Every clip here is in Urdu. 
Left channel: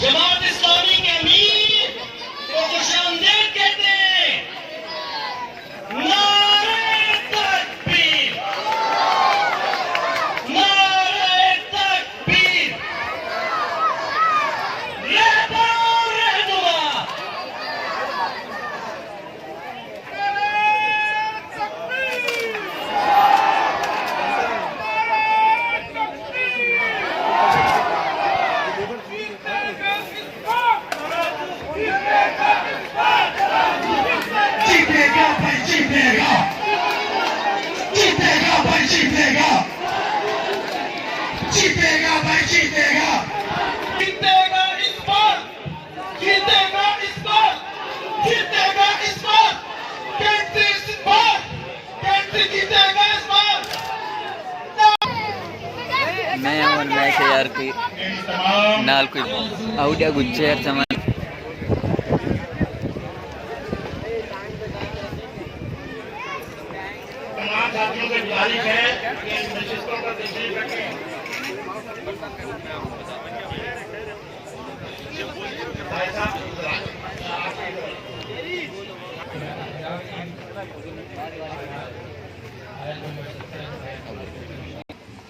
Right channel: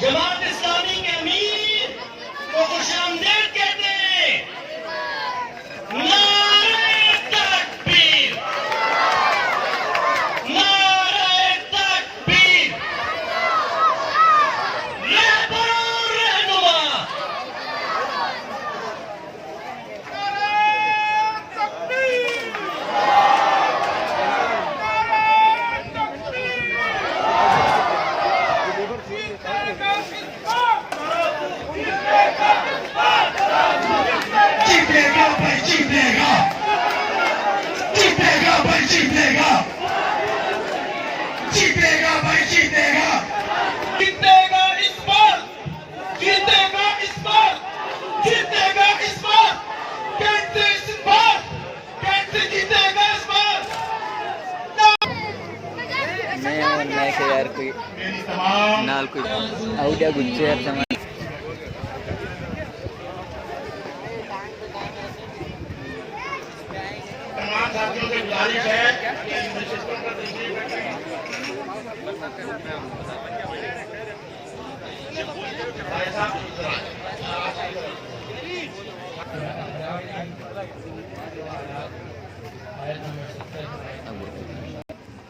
جماعت اسلامی کے امیر کو خوش آمدید کہتے ہیں. نعرہ تکبیر، نعرہ تکبیر، رہبر اور رہنما. میں اور میں کہ یار کوئی نال کوئی آؤڈیا گچے یار سامان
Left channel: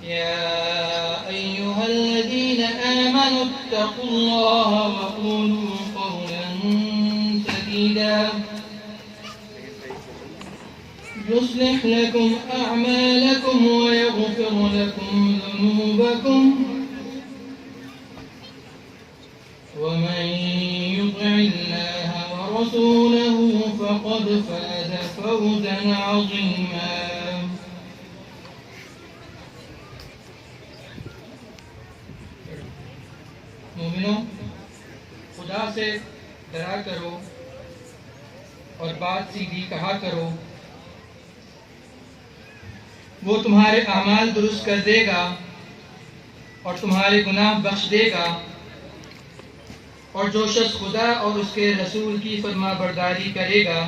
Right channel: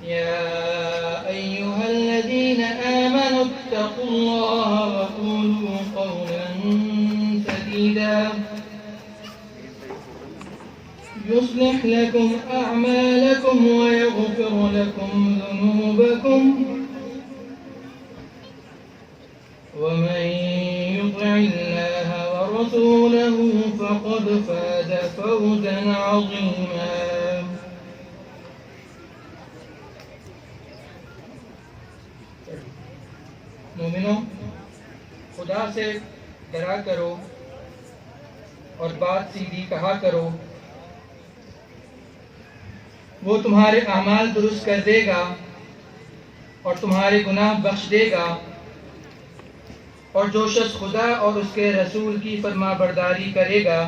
يا أيها الذين آمنوا اتقوا الله وقولوا قولا سديدا يصلح لكم أعمالكم ويغفر لكم ذنوبكم ومن يطع الله ورسوله فقد فاز فوزا عظيما. مومنوں، خدا سے ڈرا کرو اور بات سیدھی کہا کرو، وہ تمہارے اعمال درست کر دے گا اور تمہارے گناہ بخش دے گا، اور جو شخص خدا اور اس کے رسول کی فرما برداری کرے گا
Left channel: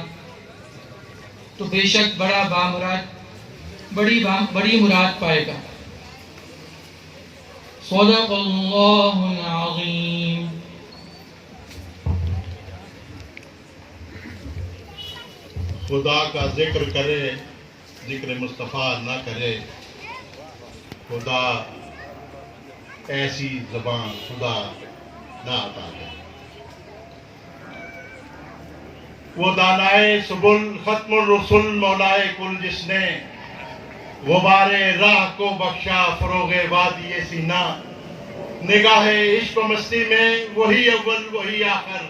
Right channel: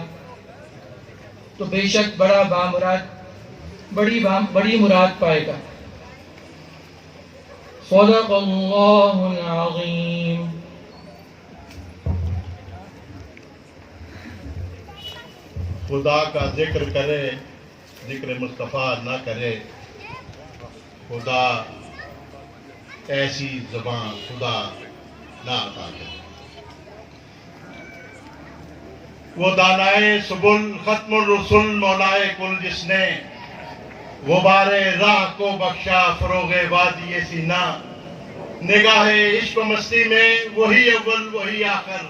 تو بے شک بڑی مراد پائے گا. صدق اللہ العظیم. خدا کا ذکر کرے، ذکر مصطفیٰ نہ کرے. خدا ایسی زبان خدا نہ عطا کرے. وہ دانائے سبل ختم الرسل مولائے کل جس نے غبار راہ کو بخشا فروغ وادی سینہ. نگاہ عشق و مستی میں وہی اول وہی آخر،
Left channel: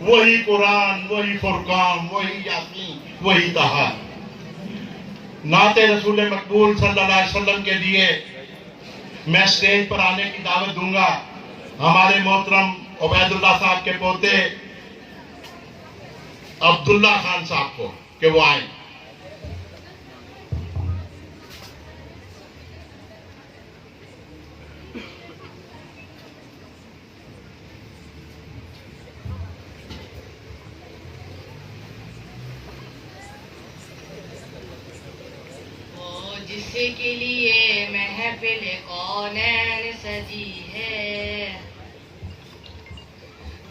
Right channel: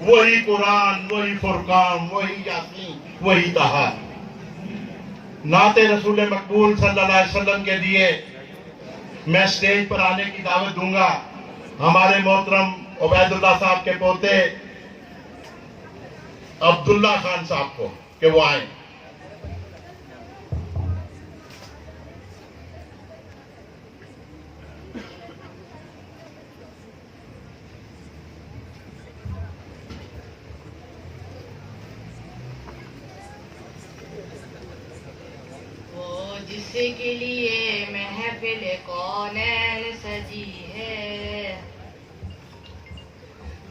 وہی قرآن وہی فرقان وہی یاسین وہی طہا. نعت رسول مقبول صلی اللہ علیہ وسلم کے لیے میں اسٹیج پر آنے کی دعوت دوں گا ہمارے محترم عبید اللہ صاحب کے پوتے عبداللہ خان صاحب کو کہ وہ آئیں. جس کے لیے محفل کونین سجی ہے،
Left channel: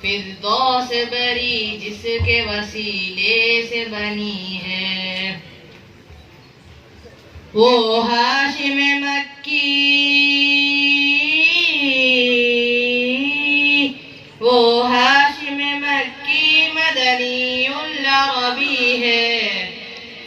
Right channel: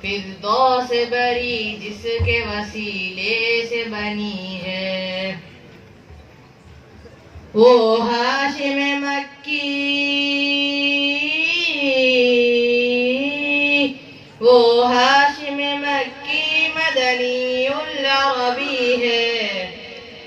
فردوس بری جس کے وسیلے سے بنی ہے، وہ ہاشم مکی، وہ ہاشم مکی مدنی العربی ہے.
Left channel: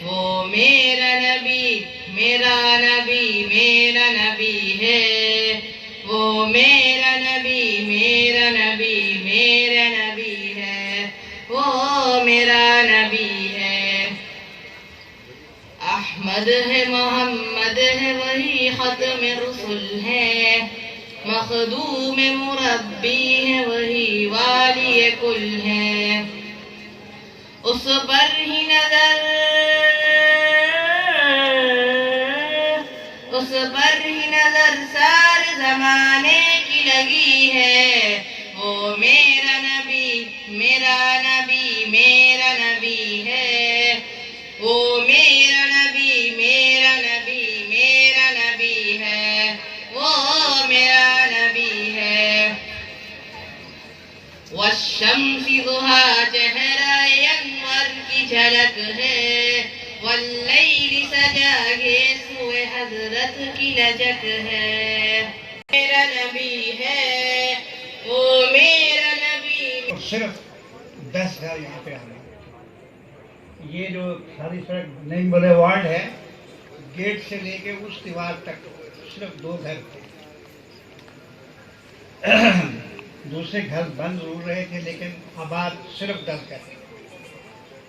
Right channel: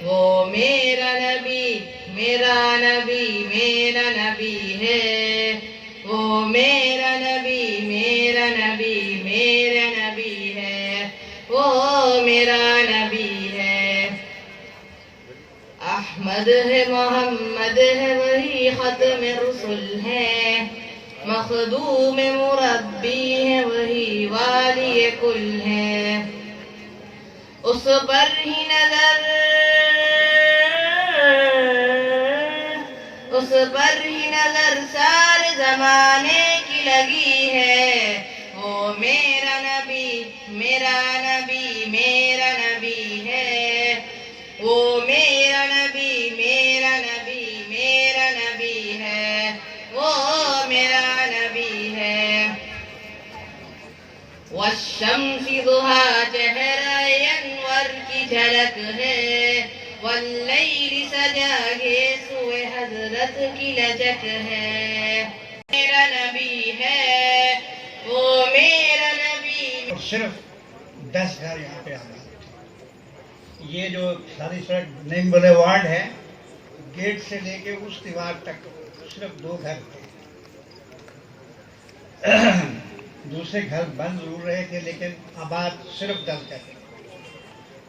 وہ میرا نبی میرا نبی میرا نبی ہے، وہ میرا نبی میرا نبی میرا نبی ہے، وہ میرا نبی ہے. احمد ہے محمد ہے وہی ختم رسل ہے، مخدوم مربی ہے وہی والی کل ہے. اس پر ہی نظر، اس پر ہی نظر سارے زمانے کی لگی ہے. وہ میرا نبی میرا نبی میرا نبی ہے، وہ میرا نبی میرا نبی میرا نبی ہے، وہ میرا نبی ہے. والشمس ضحا چہرہ انور کی جھلک ہے، واللیل سجا کے سوئے حضرت کی لجک ہے. میرا نبی ہے، وہ میرا نبی. اور صرف 10 گھر یہاں پہ آنا. یہ جو ساری سڑک نیم بولے وارڈ ہے، گیٹ سے لے کے اس دیوار تک صرف 2 گھر تھے. دوسرے گھر بند ضرور رہے تھے لیکن آباد صرف 10 گھر تھے.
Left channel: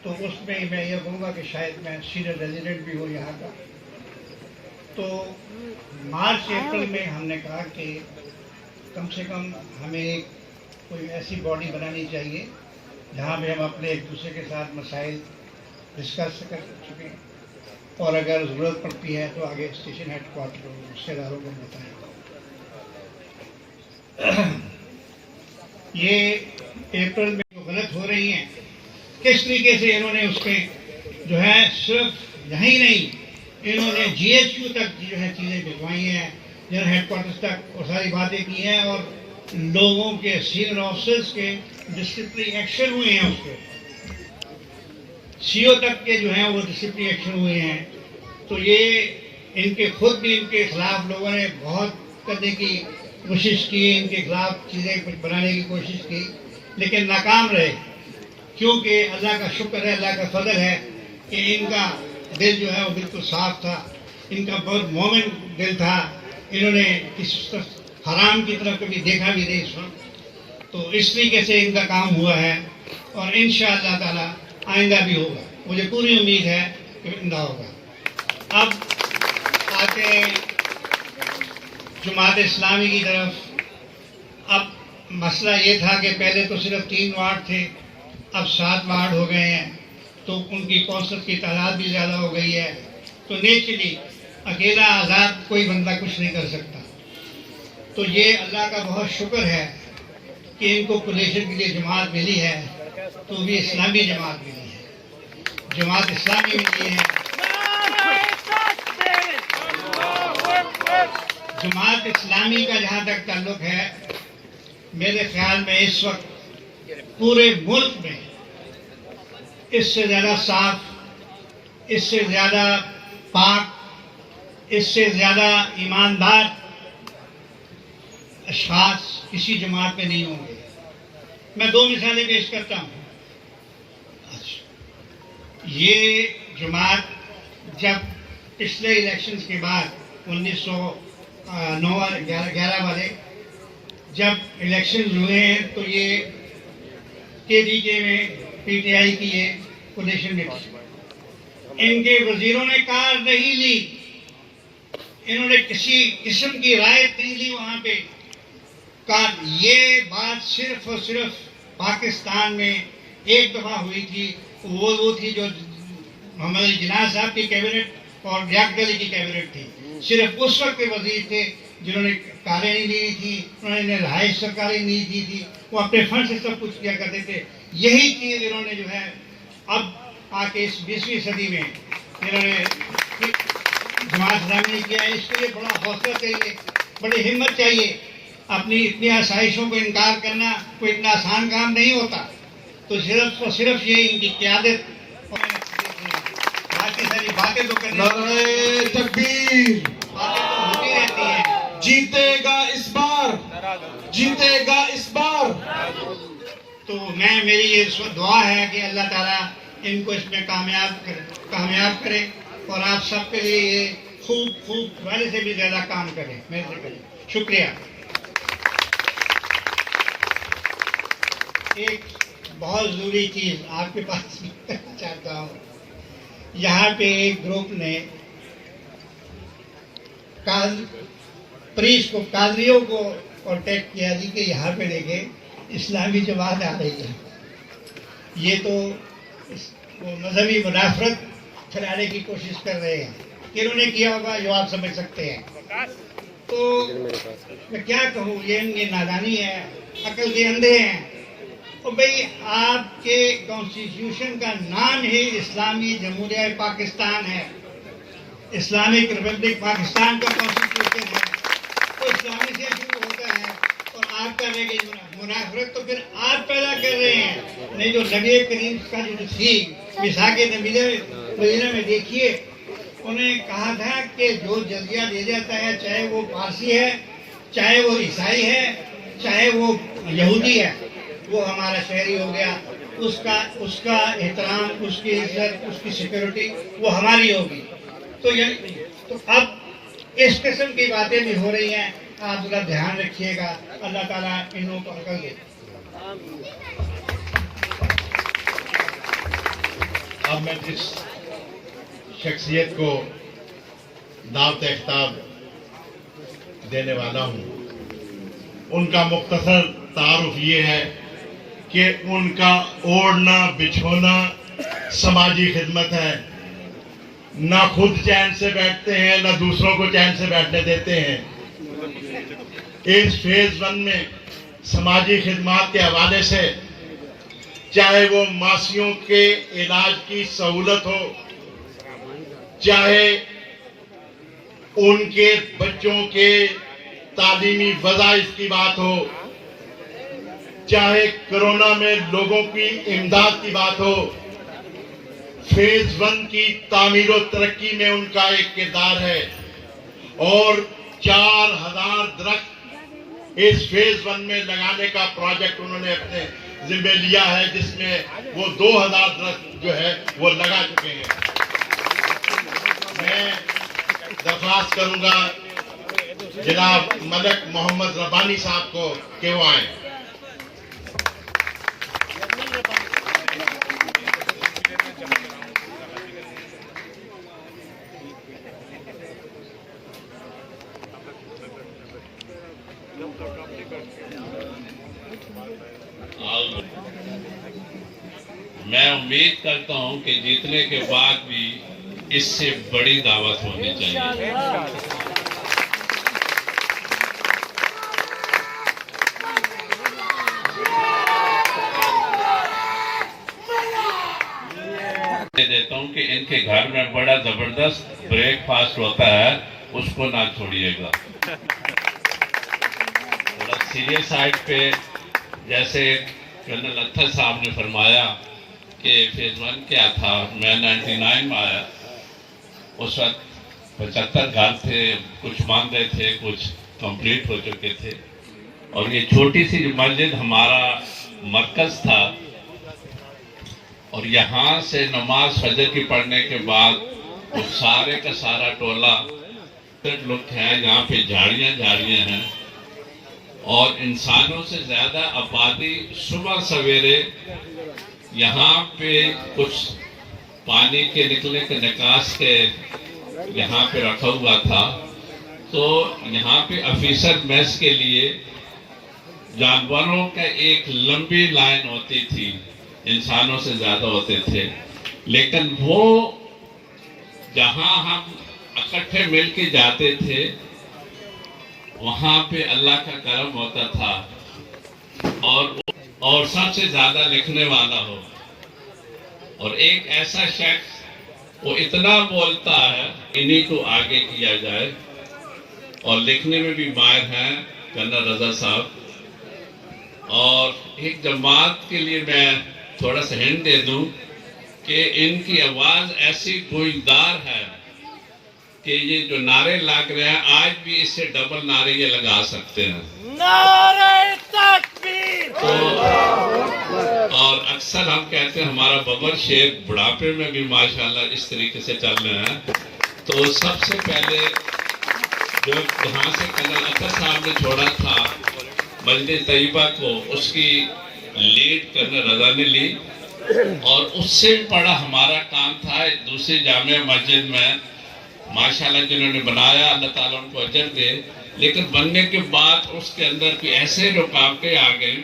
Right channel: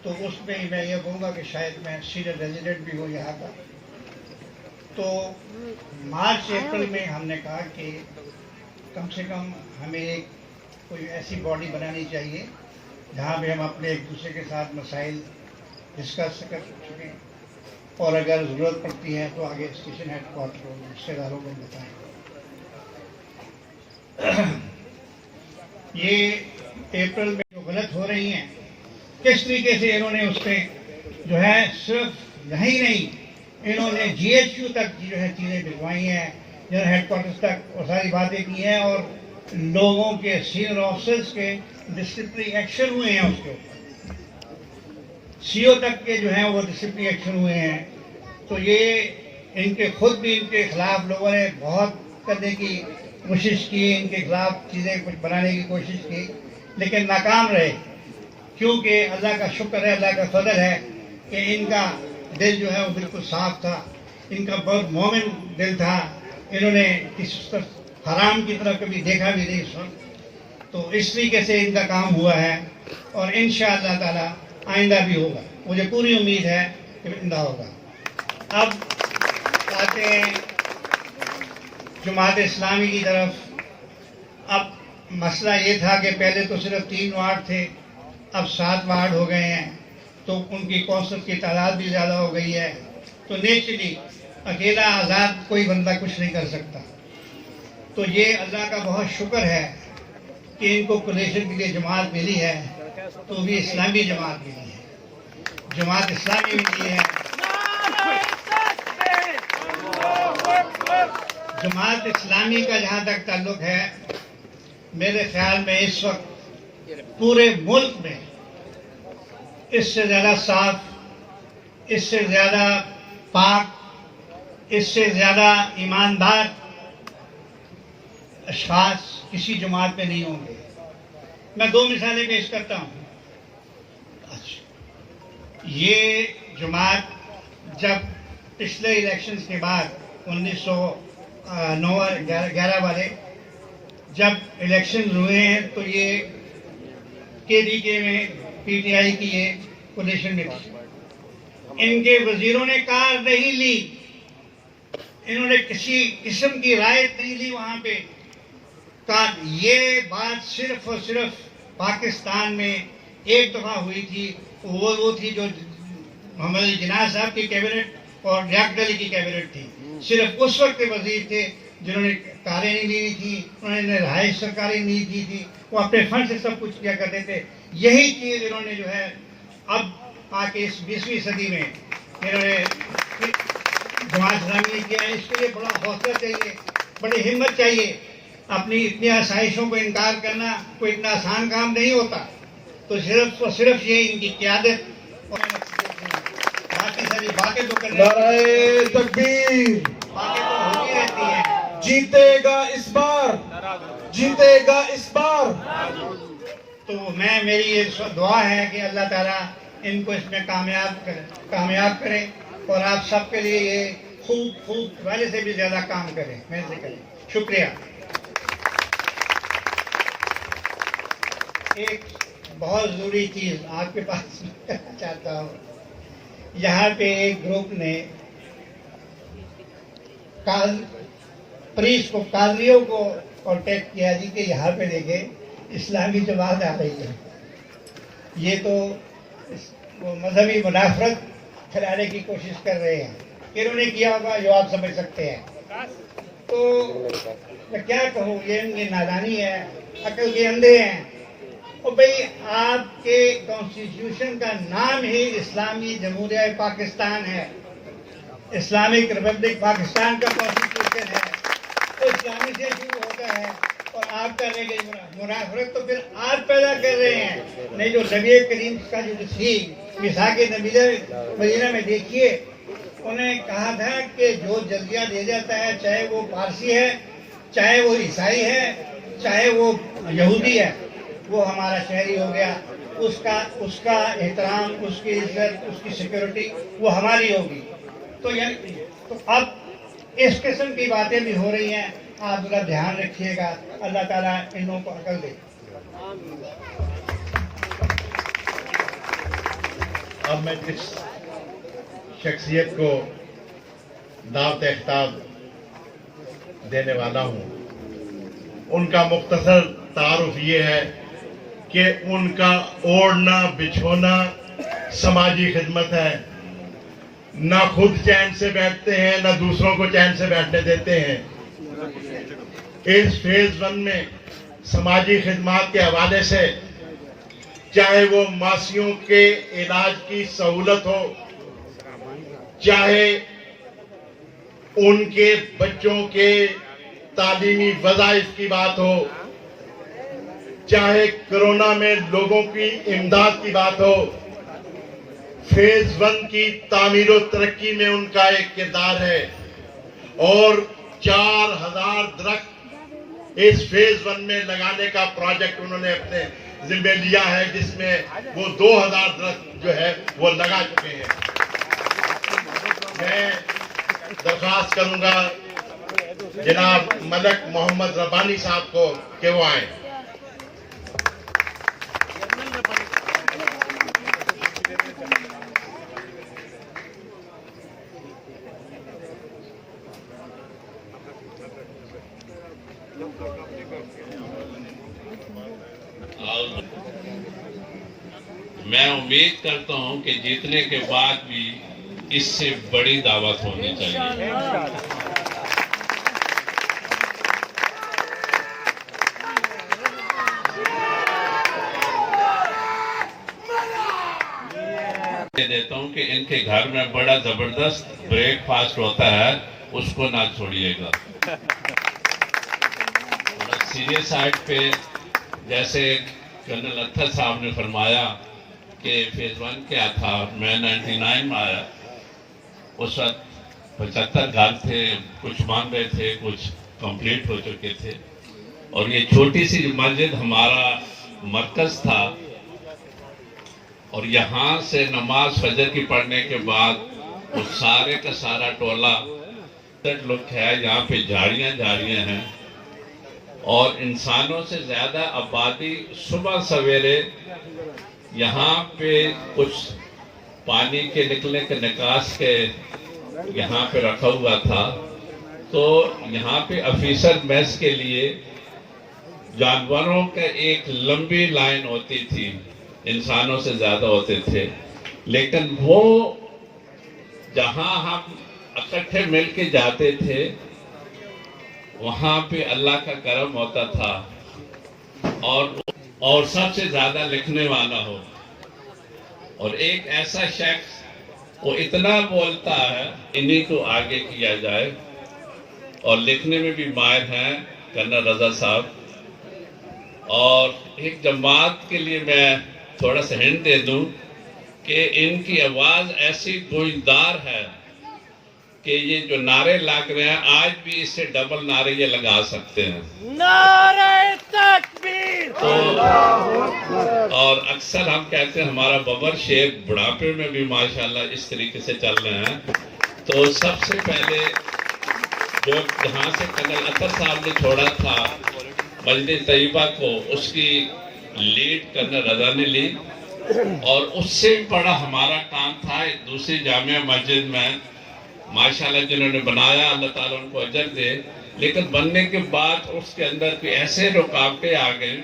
تو اس میں میں یہ کہوں گا کہ شاید میں سینئر ریزیڈنٹ بھی ہوں یہاں کا. تو مارچ اپریل میں ہم نے کہا کہ کم سے کم ہمیں ایک کوئی ایسی باڈی بنانی چاہیے جہاں پہ ہم اپنے ایک دوسرے کے ساتھ مسائل ڈسکس کر سکیں، اور اگر ضرورت پڑتی ہے تو آگے اسٹیشن ہیڈ کوارٹر رشتے داروں کو بتائیں. یہ اپریل میں جو غلط ہو رہی ہیں کس طریقے سے انہوں نے اس پہ جو ہے صرف یہیں نہیں، انہوں نے جی ایچ یو تک جو ہے چیزیں بھجوائی ہیں، جنرل ہیڈ کوارٹرز تک، اور ساری باتیں کی ہیں، اور لوگوں کے سینئر آفیسرز کے ڈسپلنری ایکشن ہوئے ہیں. اس پہ سی او تک کے جو ہیں وہ ڈسپلنری ایکشن ہوئے ہیں. تو یہ ان کے خود بھی ان کے خلاف لوگوں نے بہت کرنے کی کوشش کی، ان کے خلاف چیزیں کچھ بنانے کی کوشش کی لیکن ناکام رہے. کیونکہ اللہ کا شکر ہے، اللہ کا فضل ہے کہ ان کا دل جو ہے وہ بالکل صاف تھا، ان کا بہت مومن دل تھا. انہوں نے کسی حرام کی طرف کبھی دیکھا بھی نہیں اس وقت. تو اس طریقے سے ان کا کام ہوا ہے اور انشاءاللہ تعالی آئندہ بھی ہوگا. مجھے پوری امید ہے کہ آئندہ ہوگا. اب آتے ہیں جماعت اسلامی کی طرف. اب مسئلہ یہ تھا کہ پہلے تو صرف 3 وارڈ تھے، اب 7 وارڈ ہو گئے ہیں، تو ان کی کونسل کی تعداد بھی زیادہ ہو گئی ہے. تو نیچرلی اکیلا آزاد کوئی بندہ کچھ نہیں کر سکتا. تو یہ اللہ کا بہت شکر ہے کہ ان کو کولیشن کے لیے جماعت ملی ہے، تو بھی اسلامی جماعت ملی ہے، جماعت اسلامی ملی ہے. جماعت اسلامی کا جہاں تک تعلق ہے، میرے خیال میں اس وقت پورے ملک میں اس سے زیادہ صاف، اس سے زیادہ پاک، اس سے زیادہ ایماندار اشخاص کسی جماعت میں نہیں ہوں گے. میں 2 مثالیں پیش کرتا ہوں. یہ جماعت جب پچھلے الیکشنز کے بعد 1911 والے جب الیکشن ہوئے ہیں تو یہ KDK میں PTI کی یہ پوزیشن میں تھی. ان کے وزیروں نے کار نہیں لی, انہوں نے کسی قسم کی رعایت نہیں لی وہاں پہ. یہ بات صرف اور صرف پاکستان میں ایک دفعہ ہوئی تھی, وہ تھی جو محمد علی جناح صاحب کی کیبنٹ اور ریاکت علی کی کیبنٹ تھی. صرف اس وقت کے وزیر تھے جنہوں نے کاریں نہیں لی تھی, انہوں نے رہائش سرکاری نہیں دی تھی, وہ اپنے فنڈ سے سب کچھ کیا کرتے تھے. یہی چیز انہوں نے جو ہے اب آ کے اس 20ویں صدی میں انہوں نے جماعت اسلامی نے کیا ہے. اس کے لیے بڑا حوصلہ چاہیے, بڑی ہمت چاہیے. اپنی اتنی آسائشوں کو انکار کرنا کوئی اتنا آسان کام نہیں ہوتا. تو صرف یہ ان کی قیادت اور باقی ساری باتیں تو کرنے نعرہ تکبیر. باتیں تو ہوتی رہتی ہیں. جیتے گا اس بار, جیتے گا اس بار. تو میری یہ دعا ہے کہ اللہ تعالیٰ ان کو اس میں کامیاب کرے اور آپ سب کے لیے یہ خوب پہلے سے بھی زیادہ کام کریں, محنت کریں. شکریہ. ایک بہت ضروری چیز آپ کے پاس کرنا چاہتا ہوں. یہاں پہ ایک گروپ نے قاضیوں کو کانٹیکٹ کیا جی کہ یہاں پہ دیکھیں اسلامی جماعت آ رہی ہے. یہ تو وہ مذہبی منافرت پھیلانے کی کوشش کر رہے ہیں. انہوں نے کیا ہوگا جو آپ سمجھ سکتے ہیں. تو میں کیا کہوں, یہ نادانی ہے, عقل کے اندھے ہیں. اور بھئی آپ کے کانسٹیٹیوشن کا نام ہی اسلامی جمہوریہ پاکستان ہے, اسلامک ریپبلک پاکستان کا کانسٹیٹیوشن ہے. تو اسلامی سے شروع ہوتا ہے اور آپ کر رہے ہیں منافرت تو پھر آپ پیدا کر رہے ہیں. نہیں جو نبی کریم کا جو تھی مساق مدینہ میں دیکھیے, انہوں نے کہا تھا کہ جو جزیہ دے جاتا ہے چاہے وہ پارسی ہے, چاہے وہ عیسائی ہے, چاہے وہ یہودی ہے, وہ ہمارا شہری ہو گیا. اس کا احترام, اس کی عزت, اس کی سیکورٹی وہ ہماری ہوگی. تو اب اس قسم کی باتیں بھی ہو رہی ہیں, آپ ذرا دھیان رکھیے گا. اللہ تعالیٰ ان لوگوں کو عقل دے. اب میں جس شخصیت کو دعوت خطاب دینے والا ہوں ان کا مختصر تعارف یہ ہے کہ ان کا اوڑھنا بچھونا سماجی خدمت ہے. نہ خود چین سے بیٹھتے ہیں نہ دوسروں کو چین سے بیٹھنے دیتے ہیں. اس فیز 1 میں سماجی خدمات کے حوالے سے چاہے وہ ماسیوں کے علاج کی سہولت ہو, چاہے ان کے بچوں کے تعلیمی وظائف کی بات ہو, چاہے کرونا میں لوگوں کی امداد کی بات ہو, فیز 1 کی تعمیر و ترقی میں ان کا ایک کردار ہے. اور 4000 درخت اس فیز 1 میں لگانے کا پروجیکٹ انہوں نے اپنے ذمہ لیا ہے, جس میں وہ 2000 درخت جو ہے وہ لگا چکے ہیں. میں درخواست کروں گا جناب ملک محمد ربانی صاحب کو کہ وہ آئیں. میں امید کرتا ہوں کہ جیتنے کے بعد بھی اس سے بڑی دعوت ہونی چاہیے. دیتا ہوں کہ ان کے گھر میں بڑا زبردست بریک فاسٹ ہوتا ہے, اس کو نہ چھوڑیے گا. تھوڑا سیریس سائڈ پہ جیسے جنرل اطہر صاحب نے فرمایا کہ فیز 1 کیا تھا, میں 99 میں آیا, اس وقت 75 گھر تھے, کچھ مان رہے تھے, کچھ کمپلیٹ ہو چکے تھے. اور یہ چھوٹی سی مسجد ہمارا مرکز تھا. اور یہاں سے نماز فجر کی پڑھنے کے بعد وہ سارے کا سارا ٹولہ لوگ ہے، یہاں پہ جھاڑیاں ہیں اور انسانوں سے زیادہ آبادی صبح سویرے یہاں پہ کچھ پانی کے نکلنے کے نکاس کے یہاں پہ رکھا ہوا تھا، تو یہاں پہ آفیسر میس کے لیے جانوروں کا ایک لمبی لائن ہوتی تھی، انسانوں سے زیادہ ہوتے تھے، لیکن وہ جہاں ہم اکٹھے مل کے جاتے تھے وہاں پہ اللہ کا کرم ہوتا تھا اور سب سے زیادہ لکھنے والا ہو، اور ایک ایسا شخص وہ اتنا بولتا ہے انہی کو آگے کیا جائے، اور لکھنے میں بھی ماہر ہیں کرنل رضا صاحب۔ اور ایک جماعت کے لیے میں تھوڑا سا ہنٹ دے دوں کہ ان کی آواز ایسی گونجدار ہے کہ یہ جو نعرے لگ رہے ہیں آج بھی اس سے ڈبل نعرے یہ لگا سکتے ہیں۔ اور اکثر ہم کہتے ہیں ہمارا ببر شیر بڑھاپے میں بھی ماشاءاللہ اس طریقے سے چل رہے ہیں۔ تو سب سے پہلے جو جہاں سے کرنل اطہر صاحب نے چھوڑا تھا مجلس طیبہ کو، اس کی لیڈ کرنل رضا نے لی، اور اس سے بھی بڑا ہمارا کام تھا دوسری جامعہ مسجد میں ماشاءاللہ جنہوں نے بنایا، اللہ تعالیٰ ان کو اجر دے، لیکن بننے کے بعد اس کے اندر کوئی ایسے رکاوٹیں آ گئیں،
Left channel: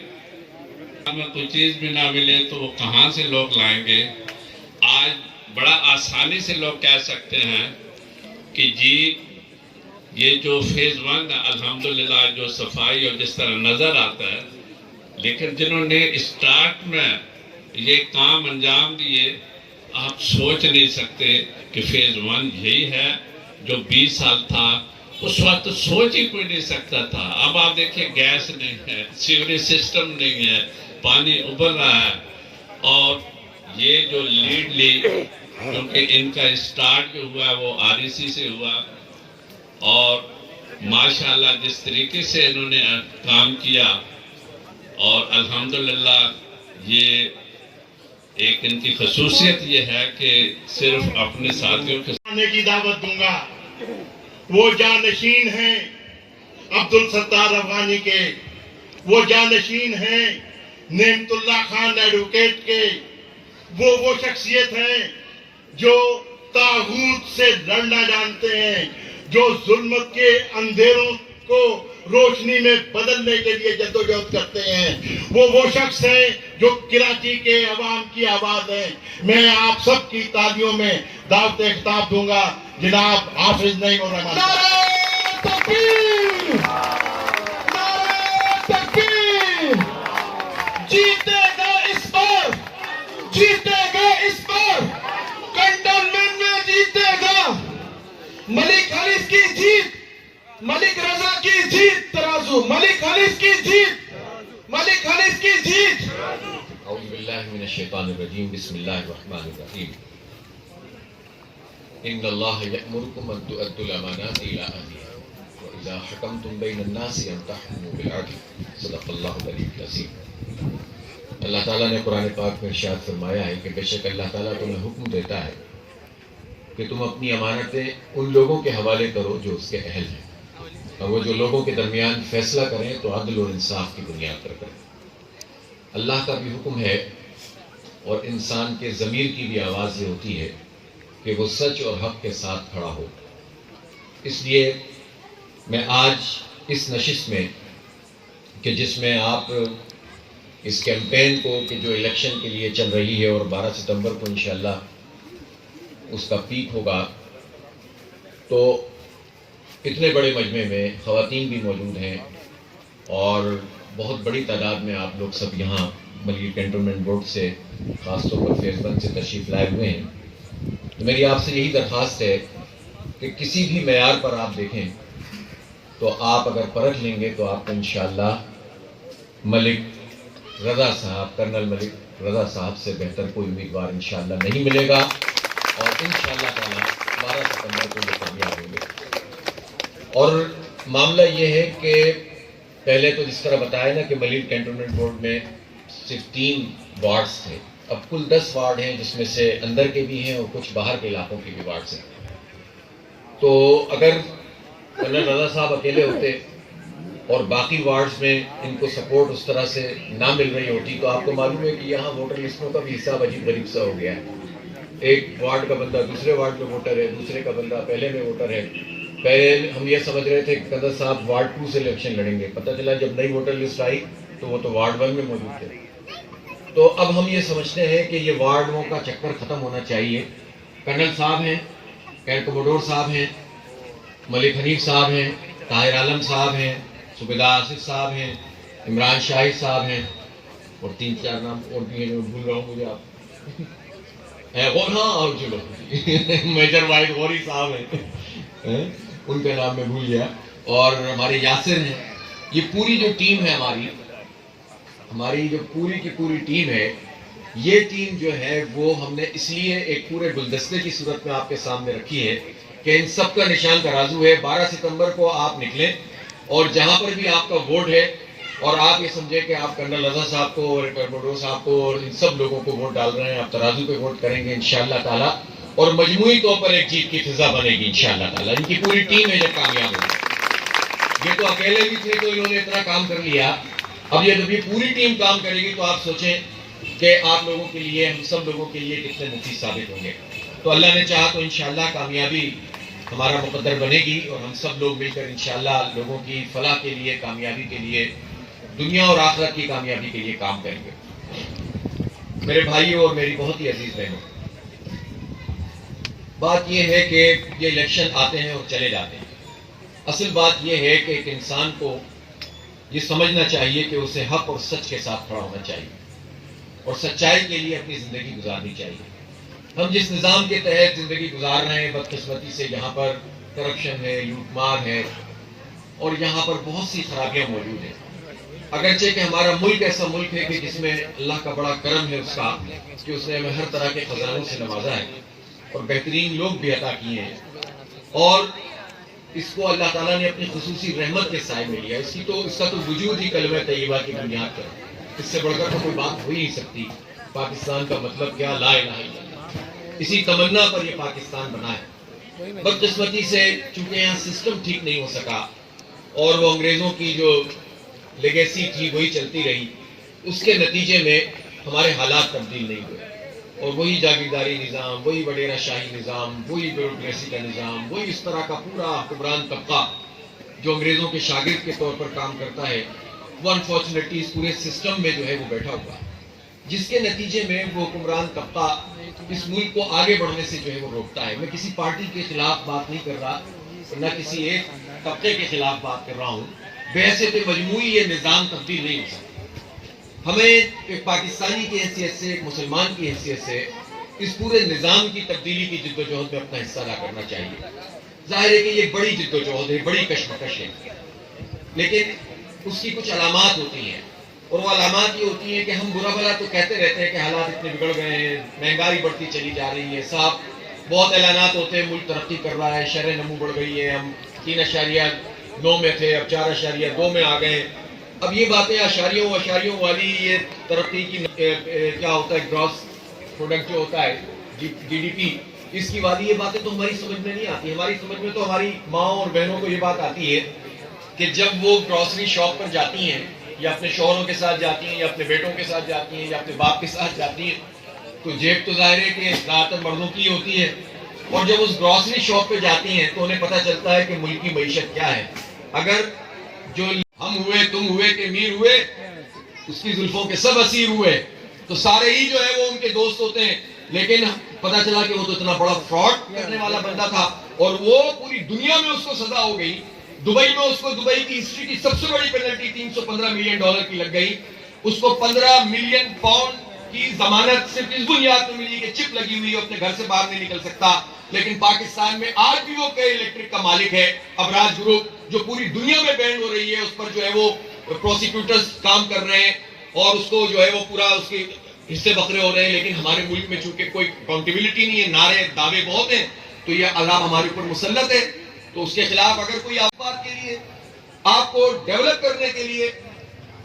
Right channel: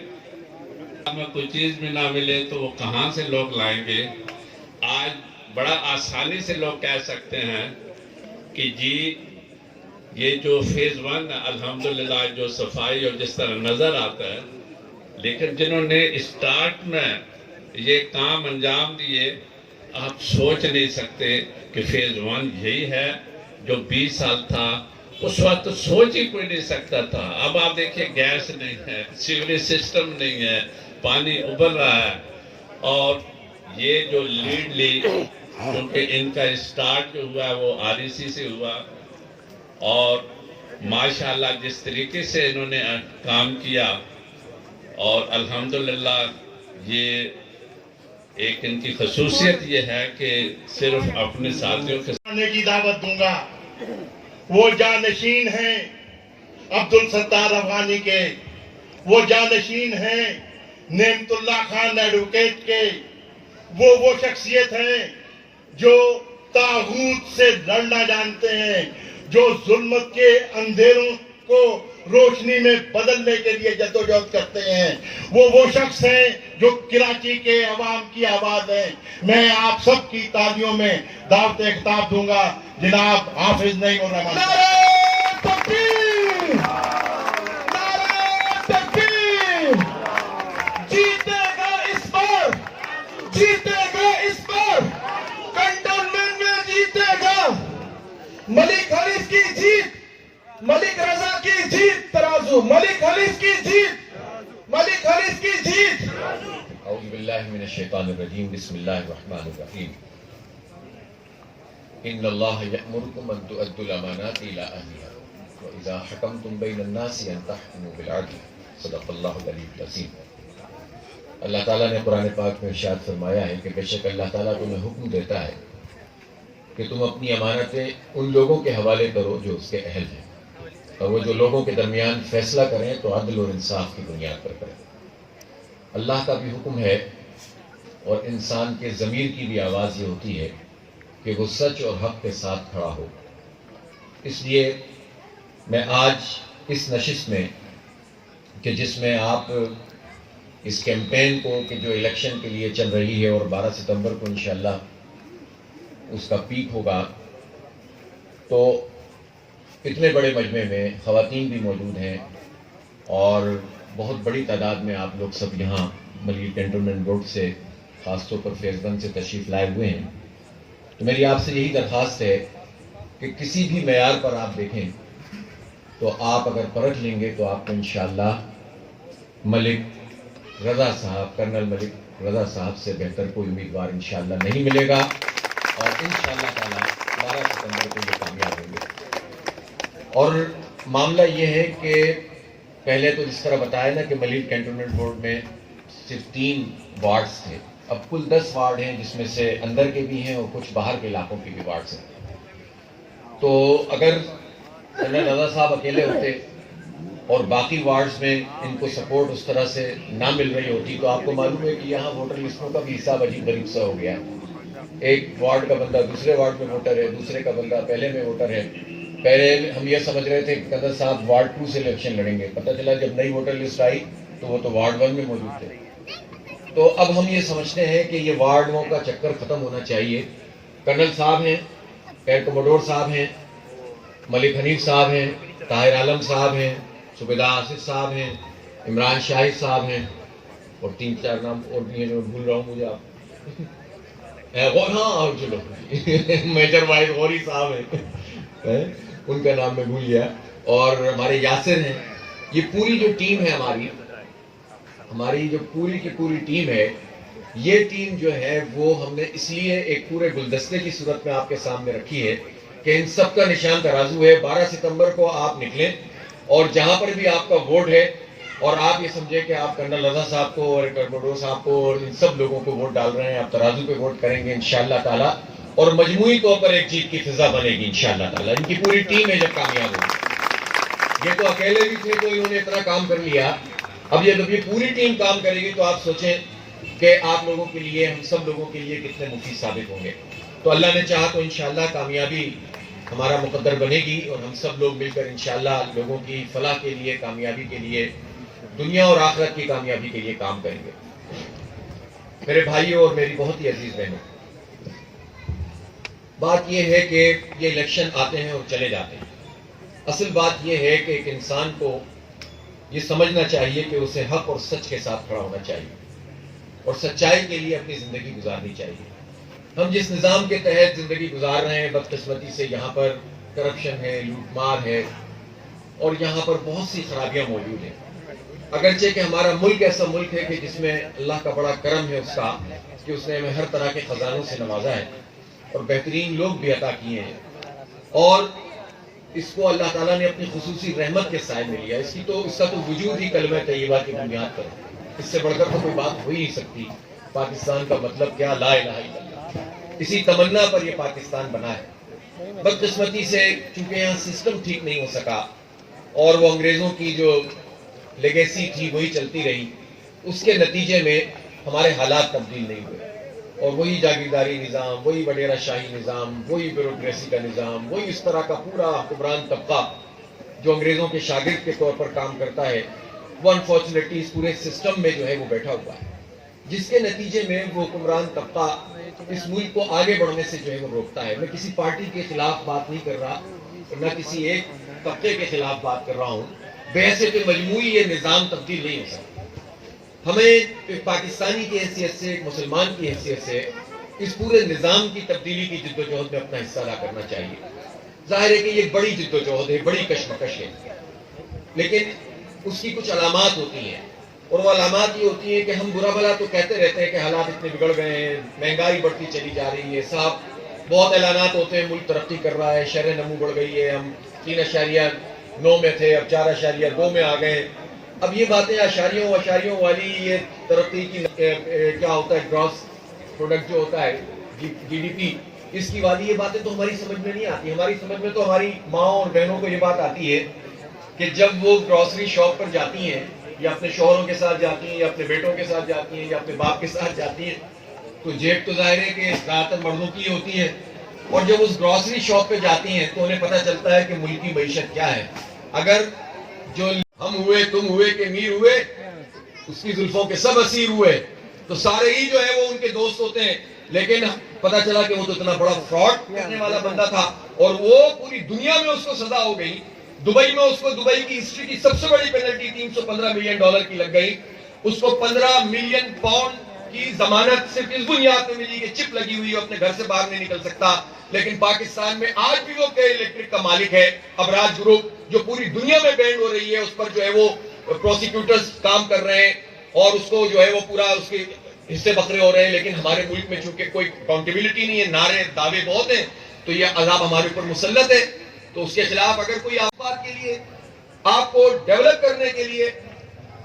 ہمیں کوئی چیز بھی نہ ملے تو وہ کہاں سے لوگ لائیں گے۔ آج بڑا آسانی سے لوگ کہہ سکتے ہیں کہ جی یہ جو فیز 1 الحمدللہ جو صفائی اور جس طرح نظر آتا ہے، لیکن جنہوں نے اسٹارٹ میں یہ کام انجام دیے آپ سوچ نہیں سکتے کہ فیز 1 یہی ہے جو 20 سال تھا، اس وقت تو سوچ ہی کوئی نہیں سکتا تھا۔ اب آپ دیکھیں گیس نہیں ہے، سیوریج سسٹم نہیں ہے، پانی ابل رہا ہے، اور یہ جو لیڈ لی کیونکہ ان کا اسٹارٹ جو ہوا وہ REC سے ہوا، اور ماشاءاللہ جس طریقے سے انہوں نے کام کیا، اور الحمدللہ یہ ایک ان کی خصوصیت یہ ہے کہ صرف اپنے ساتھیوں کے آنے کی دعوت دوں گا۔ وہ جانشین ہیں عبدالستار افغانی کے، وہ جانشین ہیں نعمت اللہ خان ایڈوکیٹ کے، وہ شخصیت ہیں جو طاغوت سے لڑنا جانتے ہیں، جو ظلمت کے اندھیروں کو روشنی میں بدلنے کے لیے جدوجہد کرتے ہیں، وہ شخص ہیں جو کراچی کے عوام کی آواز ہیں۔ میں آپ سب کی تالیوں میں دعوت خطاب دوں گا جناب حافظ نعیم الرحمان۔ نعرہ تکبیر! نعرہ تکبیر! جیتے گا اس بار، جیتے گا اس بار، کنٹونمنٹ میں جیتے گا ملک حنیف کی جیت، ملک رضا کی جیت، ترازو ملک حنیف کی جیت، ملک حنیف کی جیت۔ اعوذ باللہ من الشیطان الرجیم، بسم اللہ الرحمن الرحیم۔ ان اللہ یأمرکم ان تؤدوا الامانات الی اہلها واذا حکمتم بین الناس ان تحکموا بالعدل، صدق اللہ العلی العظیم۔ اللہ تعالیٰ نے قرآن پاک میں ارشاد فرمایا ہے کہ بے شک اللہ تعالیٰ تمہیں حکم دیتا ہے کہ تم اپنی امانتیں ان لوگوں کے حوالے کرو جو اس کے اہل ہیں، اور وہ جو لوگوں کے درمیان فیصلہ کریں تو عدل اور انصاف کی بنیاد پر کریں۔ اللہ کا بھی حکم ہے اور انسان کے ضمیر کی بھی آواز یہ ہوتی ہے کہ وہ سچ اور حق کے ساتھ کھڑا ہو۔ اس لیے میں آج اس نشست میں کہ جس میں آپ اس کیمپین کو کہ جو الیکشن کے لیے چل رہی ہے اور 12 ستمبر کو انشاءاللہ اس کا پیک ہوگا، تو اتنے بڑے مجمع میں خواتین بھی موجود ہیں اور بہت بڑی تعداد میں آپ لوگ سب یہاں ملی کنٹونمنٹ بورڈ سے خاص طور پر فیز 1 سے تشریف لائے ہوئے ہیں۔ تو میری آپ سے یہی درخواست ہے کہ کسی بھی معیار پر آپ دیکھیں تو آپ اگر پرکھ لیں گے تو آپ کو انشاءاللہ ملک رضا صاحب، کرنل ملک رضا صاحب سے بہتر کوئی امیدوار انشاءاللہ نہیں ملے گا، اور انشاءاللہ تعالیٰ 12 ستمبر کو یہ کامیاب ہوں گے۔ اور معاملہ یہ ہے کہ پہلے تو جس طرح بتایا نا کہ ملیٹ کنٹونمنٹ بورڈ میں 16 وارڈز تھے، اب کل 10 وارڈ ہیں، جس میں سے اندر کے بھی ہیں اور کچھ باہر کے علاقوں کے بھی وارڈ ہیں. تو اگر کرنل رضا صاحب اکیلے ہوتے اور باقی وارڈز میں ان کو سپورٹ اس طرح سے نہ مل رہی ہوتی تو آپ کو معلوم ہے کہ یہاں ووٹر لسٹوں کا بھی حساب عجیب غریب سا ہو گیا ہے. ایک وارڈ کا بندہ دوسرے وارڈ میں ووٹر ہے، دوسرے کا بندہ پہلے میں ووٹر ہے. پہلے ہم یہ سمجھ رہے تھے کہ قدر صاحب وارڈ 2 سے الیکشن لڑیں گے، پتہ چلا جب نئی ووٹر لسٹ آئی تو وہ تو وارڈ 1 میں موجود تھے. تو اب ہم یہ سمجھتے ہیں کہ یہ وارڈوں کا چکر ختم ہونا چاہیے. کرنل صاحب ہیں، کیر کموڈور صاحب ہیں، ملک حنیف صاحب ہیں، طاہر عالم صاحب ہیں، صوبیدار آصف صاحب ہیں، عمران شاہد صاحب ہیں، اور 3-4 نام اور بھی ہیں جو بھول رہا ہوں مجھے. آپ ہاں اور چلو میجر واحد غوری صاحب ہیں، ان کا نام میں بھول گیا، اور ہمارے یاسر ہیں. یہ پوری جو ٹیم ہے ہماری جو پوری کی پوری ٹیم ہے، یہ ٹیم جو ہے وہ ہم نے اس لیے ایک پورے گلدستے کی صورت میں آپ کے سامنے رکھی ہے کہ ان سب کا نشان ترازو ہے. 12 ستمبر کو آپ نکلیں اور جہاں پر بھی آپ کا ووٹ ہے اور آپ یہ سمجھیں کہ آپ کرنل رضا صاحب کو اور کموڈور صاحب کو اور ان سب لوگوں کو ووٹ ڈال رہے ہیں، آپ ترازو پہ ووٹ کریں گے انشاءاللہ تعالیٰ، اور مجموعی طور پر ایک جیت کی فضا بنے گی انشاءاللہ تعالیٰ. ان کی پوری ٹیم ہے جب کامیاب ہوگی. یہ تو اکیلے بھی تھے تو انہوں نے اتنا کام کر لیا، اب جب یہ پوری ٹیم کام کرے گی تو آپ سوچیں کہ آپ لوگوں کے لیے، ہم سب لوگوں کے لیے کتنے مفید ثابت ہوں گے. تو اللہ نے چاہا تو انشاءاللہ کامیابی ہمارا مقدر بنے گی، اور ہم سب لوگ مل کر انشاءاللہ لوگوں کی فلاح کے لیے، کامیابی کے لیے، دنیا اور آخرت کی کامیابی کے لیے کام کریں گے. میرے بھائیوں اور میری بہت ہی عزیز بہنوں، بات یہ ہے کہ یہ الیکشن آتے ہیں اور چلے جاتے ہیں. اصل بات یہ ہے کہ ایک انسان کو یہ سمجھنا چاہیے کہ اسے حق اور سچ کے ساتھ کھڑا ہونا چاہیے اور سچائی کے لیے اپنی زندگی گزارنی چاہیے. ہم جس نظام کے تحت زندگی گزار رہے ہیں، بدقسمتی سے یہاں پر کرپشن ہے، لوٹ مار ہے، اور یہاں پر بہت سی خرابیاں موجود ہیں. اگرچہ کہ ہمارا ملک ایسا ملک ہے کہ جس میں اللہ کا بڑا کرم ہے اس کا کہ اس نے ہمیں ہر طرح کے خزانوں سے نوازا ہے اور بہترین لوگ بھی عطا کیے ہیں، اور اس کو اللہ تعالیٰ نے اپنی خصوصی رحمت کے سائے میں لیا. اس کا تو وجود ہی کلمہ طیبہ کی بنیاد پر، اس سے بڑھ کر تو کوئی بات ہو ہی نہیں سکتی. پاکستان کا مطلب کیا؟ لا الہ الا اللہ. اسی تمنا پر یہ پاکستان بنا ہے. بدقسمتی سے چونکہ یہاں سسٹم ٹھیک نہیں ہو سکا اور وہ انگریزوں کی جو لیگیسی تھی وہی چلتی رہی، اس کے نتیجے میں ہمارے حالات تبدیل نہیں ہوئے، اور وہی جاگیرداری نظام، وہی وڈیرہ شاہی نظام، وہی بیوروکریسی کا نظام، وہی اس طرح کا پورا حکمران طبقہ جو انگریزوں کے شاگرد کے طور پر کام کرتا ہے، وہ انفارچونیٹلی اس پورے سسٹم میں جو ہے وہ بیٹھا ہوا ہے، جس کے نتیجے میں وہ حکمران طبقہ اس ملک کو آگے بڑھنے سے جو ہے وہ روکتا ہے. میں کسی پارٹی کے خلاف بات نہیں کر رہا، نہ کسی ایک طبقے کے خلاف بات کر رہا ہوں. بحیثیت مجموعی یہ نظام تبدیل نہیں ہو سکتا. ہمیں ایک پاکستانی کی حیثیت سے، ایک مسلمان کی حیثیت سے اس پورے نظام کی تبدیلی کی جد و جہد میں اپنا حصہ ادا کرنا چاہیے. ظاہر ہے کہ یہ بڑی جد و جہد ہے، بڑی کشمکش ہے، لیکن اس کی کچھ علامات ہوتی ہیں، اور وہ علامات یہ ہوتی ہیں کہ ہم برا بھلا تو کہتے رہتے ہیں کہ حالات اتنے بگڑ گئے ہیں، مہنگائی بڑھتی چلی جا رہی ہے، صاحب بہت اعلانات ہوتے ہیں ملک ترقی کر رہا ہے، شرح نمو بڑھ گئی ہے، ہم 3.9 میں تھے اب 4.2 میں آ گئے. اب یہ باتیں اشاریوں والی یہ ترقی کی کیا ہوتا ہے، گراس پروڈکٹ جو ہوتا ہے جی ڈی پی، اس کی والی یہ باتیں تو ہماری سمجھ میں نہیں آتی. ہماری سمجھ میں تو ہماری ماں اور بہنوں کو یہ بات آتی ہے کہ جب وہ گروسری شاپ پر جاتی ہیں یا اپنے شوہروں کے ساتھ جاتی ہیں یا اپنے بیٹوں کے ساتھ جاتی ہیں یا اپنے باپ کے ساتھ جاتی ہیں، تو جیب تو ظاہر ہے کہ زیادہ تر مردوں کی ہوتی ہے، اور جب اس گروسری شاپ پہ جاتی ہیں تو انہیں پتہ چلتا ہے کہ ملک کی معیشت کیا ہے. اگر جو ہم ہوئے، تم ہوئے کہ امیر ہوئے، اس کی زلفوں کے سب اسیر ہوئے، تو سارے ہی جو ہے وہ ان کے دوست ہوتے ہیں، لیکن پتہ چلا کہ وہ تو اتنا بڑا فراڈ کرنے والا بندہ تھا، اور وہ پوری دنیا میں اس کو سزا ہو گئی. دبئی میں اس کو دبئی کی ہسٹری کی سب سے بڑی پینلٹی $315 ملین کی لگ گئی. اس کو 15 ملین پاؤنڈ کی ضمانت صرف اس بنیاد میں ملی کہ چپ لگی ہوئی اپنے گھر سے باہر نہیں نکل سکتا. لیکن پاکستان میں آج بھی وہ کئی الیکٹرک کا مالک ہے، ابراج گروپ، جو پوری دنیا میں بینڈ ہو رہی ہے، اس پر جو ہے وہ پروسیکیوٹرز کام کر رہے ہیں اور اس کو جو ہے وہ پورا اس کے حصے بکرے ہو رہے ہیں. لیکن ہمارے ملک میں چونکہ کوئی اکاؤنٹیبلٹی نہیں ہے، نعرے دعوے بہت ہیں، تو یہ عذاب ہمارے اوپر مسلط ہے. تو اس کے خلاف اگر کوئی بات کے لیے، آپ کو ڈیولپ کرنے کے لیے،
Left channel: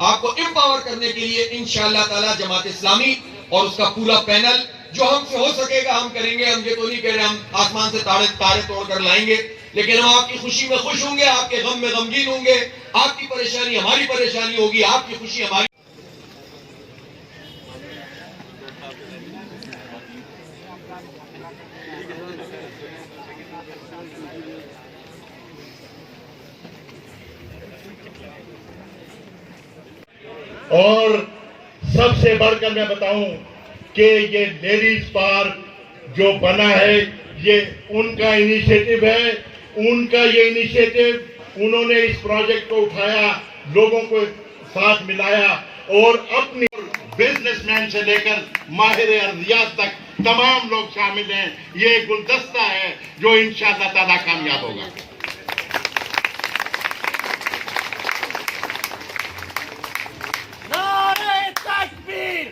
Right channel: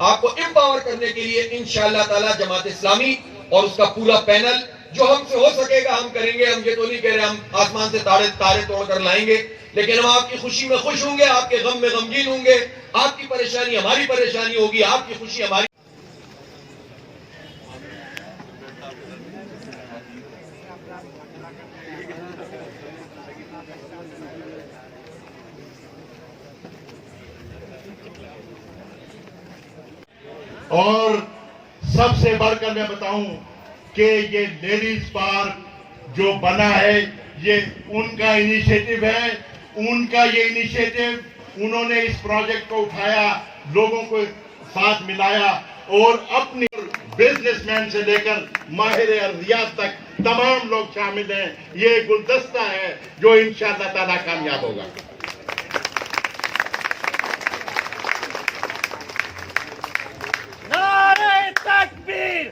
آپ کو امپاور کرنے کے لیے انشاءاللہ تعالی جماعت اسلامی اور اس کا پورا پینل جو ہم سے ہو سکے گا ہم کریں گے. ہم یہ تو نہیں کہہ رہے ہم آسمان سے تارے توڑ کر لائیں گے, لیکن ہم آپ کی خوشی میں خوش ہوں گے, آپ کے غم میں غمگین ہوں گے, آپ کی پریشانی ہماری پریشانی ہوگی, آپ کی خوشی ہماری. اور سب سے بڑھ کر میں بتاؤں کہ یہ لیڈیز پارک جو بنا ہے یہ ان کا انیشیٹو ہے, ان کا یہ انیشیٹو, انہوں نے اس پروجیکٹ کو اٹھایا, لوگوں کو ساتھ ملایا اور اپنی بزنس مین سے لے کر ماہر ارضیات تک تمام لوگ شامل ہیں. یہ گلدستہ ہے جو انشاءاللہ تعالیٰ کامیاب ہوگا. نعرہ تکبیر